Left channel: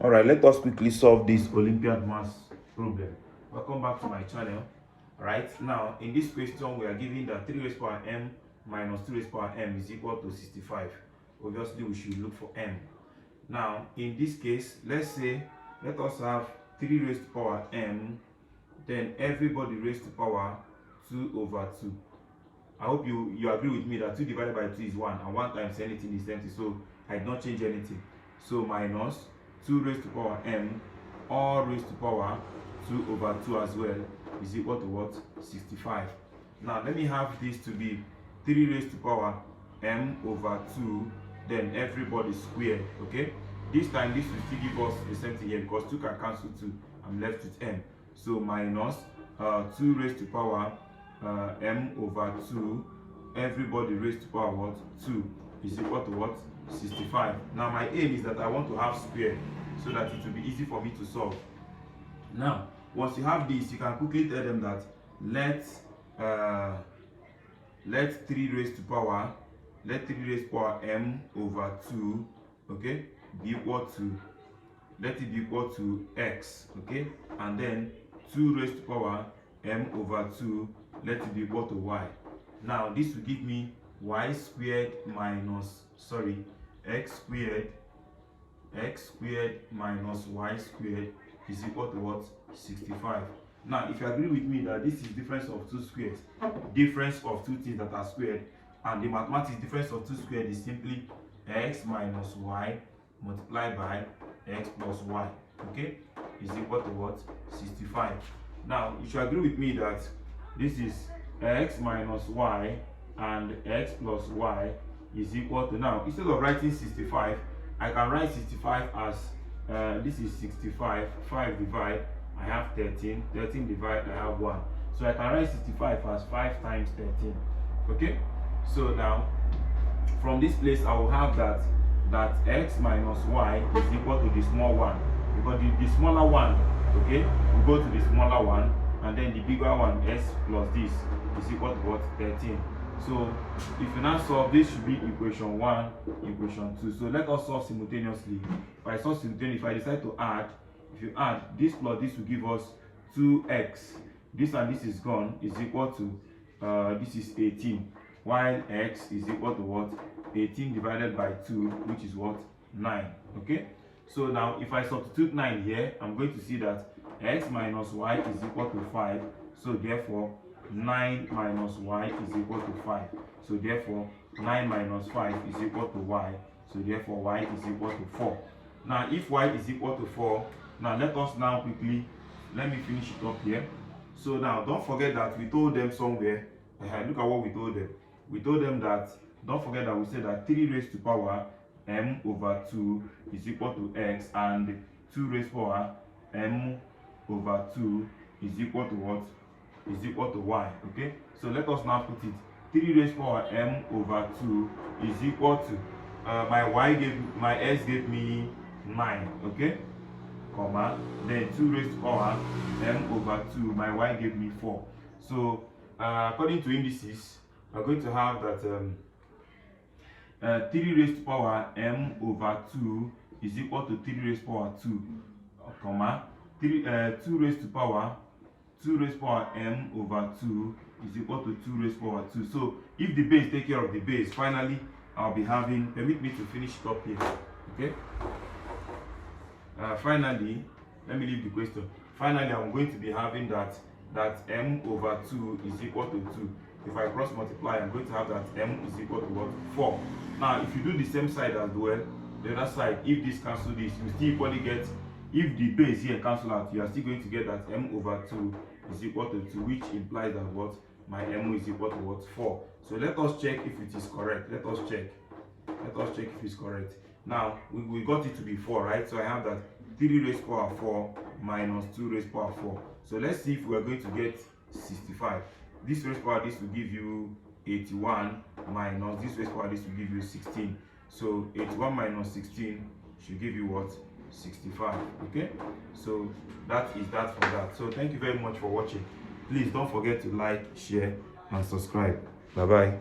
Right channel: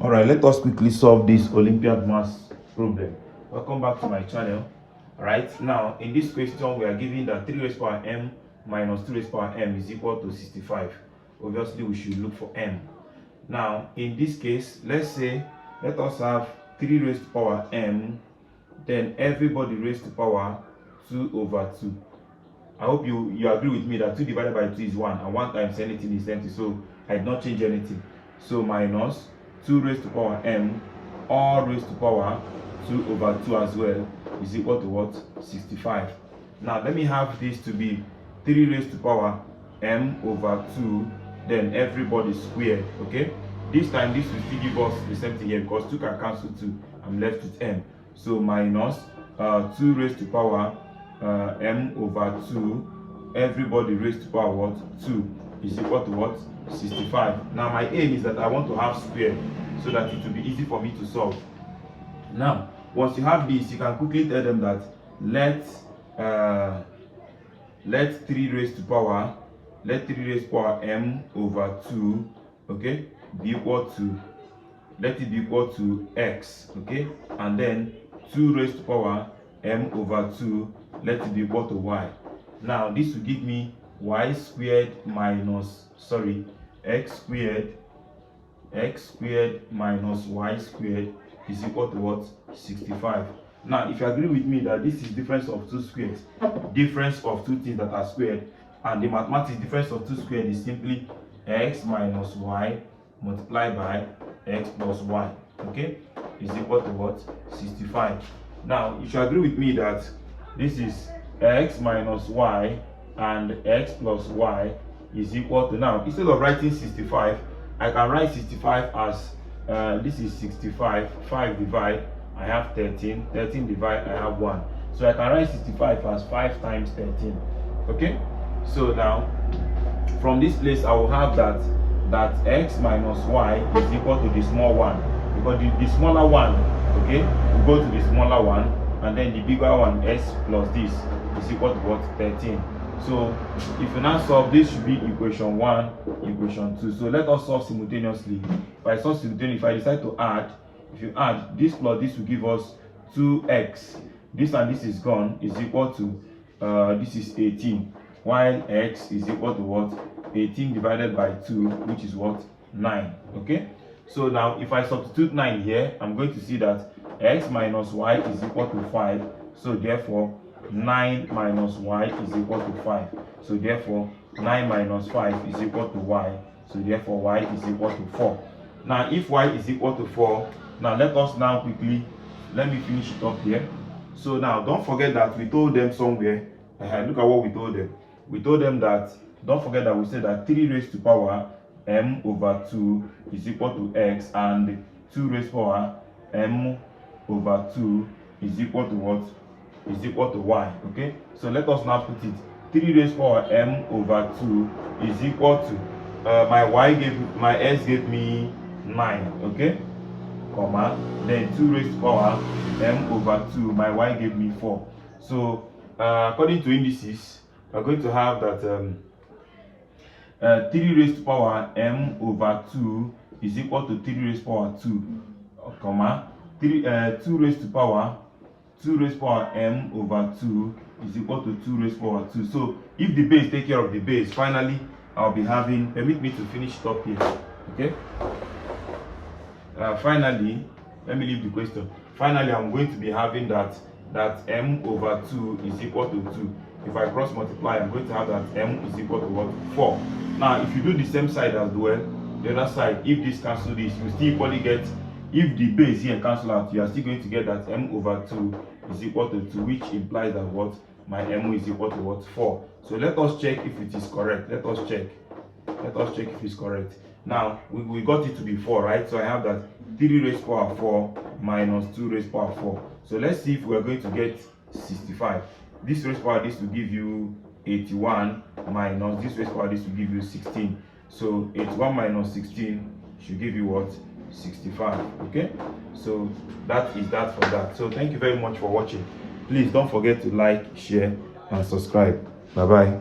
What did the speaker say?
All right, let us quickly solve this Olympiad maths problem. Welcome back to my channel. All right, now in this question we are given that 3 raised power m minus 2 raised power m is equal to 65. Obviously we should look for m. Now in this case, let us have 3 raised to power m, then everybody raised to power 2 over 2. I hope you agree with me that 2 divided by 2 is 1, and 1 times anything is empty, so I did not change anything. So minus 2 raised to power m, all raised to power 2 over 2 as well, is equal to what? 65. Now let me have this to be 3 raised to power m over 2, then everybody squared. Okay, this time this will still give us the same thing here because 2 can cancel 2. I'm left with m. So minus 2 raised to power m over 2, everybody raised to power what? 2 is equal to what? 65. Now my aim is that I want to have square so that it will be easy for me to solve. Now once you have this, you can quickly tell them that let 3 raised to power m over 2, okay, be equal to, let it be equal to x, okay, and then 2 raised to power m over 2, let it be equal to y. Now this will give me y squared minus, x squared minus y squared is equal to what? 65. Now if you agree with me that this is difference of two squares, difference of two things that are squared, and the mathematics difference of two squared is simply x minus y multiplied by x plus y, okay, is equal to what? 65. Now you should agree with me that this is x minus y and x plus y is equal to, now instead of writing 65, I can write 65 as this is 65, 5 divide, I have 13, 13 divide, I have 1. So I can write 65 as 5 times 13. Okay, so now from this place I will have that x minus y is equal to the small one, because the smaller one, okay, will go to the smaller one, and then the bigger one, s plus this, is equal to what? 13. So if you now solve, this should be equation 1, equation 2. So let us solve simultaneously. If I solve simultaneously, if I decide to add, if you add this plus this will give us 2x. This and this is gone, is equal to this is 18, while x is equal to what? 18 divided by 2, which is what? 9. Okay, so now if I substitute 9 here, I'm going to see that x minus y is equal to 5. So therefore 9 minus y is equal to 5. So therefore 9 minus 5 is equal to y. So therefore y is equal to 4. Now if y is equal to 4, now let us now quickly, let me finish it up here. So now don't forget that we told them somewhere, look at what we told them. We told them that, don't forget that we said that 3 raised to power m over 2 is equal to x, and 2 raised to power m over 2 is equal to what? Is equal to y. Okay, so let us now put it. 3 raised to power m over 2 is equal to my s gave me 9, okay, comma, then 2 raised to power m over 2, my y gave me 4. So according to indices, we're going to have that 3 raised to power m over 2 is equal to 3 raised to power 2, comma, 2 raised to power m over 2 is equal to 2 raised to power 2. So if the base take care of the base, finally I'll be having, permit me to finish it up here. Okay, finally, let me leave the question. Finally I'm going to be having that m over 2 is equal to 2. If I cross multiply, I'm going to have that m is equal to what? 4. Now if you do the same side as well, the other side, if this cancel this, you still equally get, if the base here cancel out, you are still going to get that m over 2 is equal to 2, which implies that what? My m is equal to what? 4. So let us check if it is correct. Let us check if it's correct. Now we got it to be 4, right? So I have that 3 raised to power 4 minus 2 raised to power 4. So let's see if we're going to get 65. This raised to power this will give you 81, minus this raised to power this will give you 16. So 81 minus 16 should give you what? 65. Okay, so that is that for that. So thank you very much for watching. Please don't forget to like, share and subscribe. Bye bye.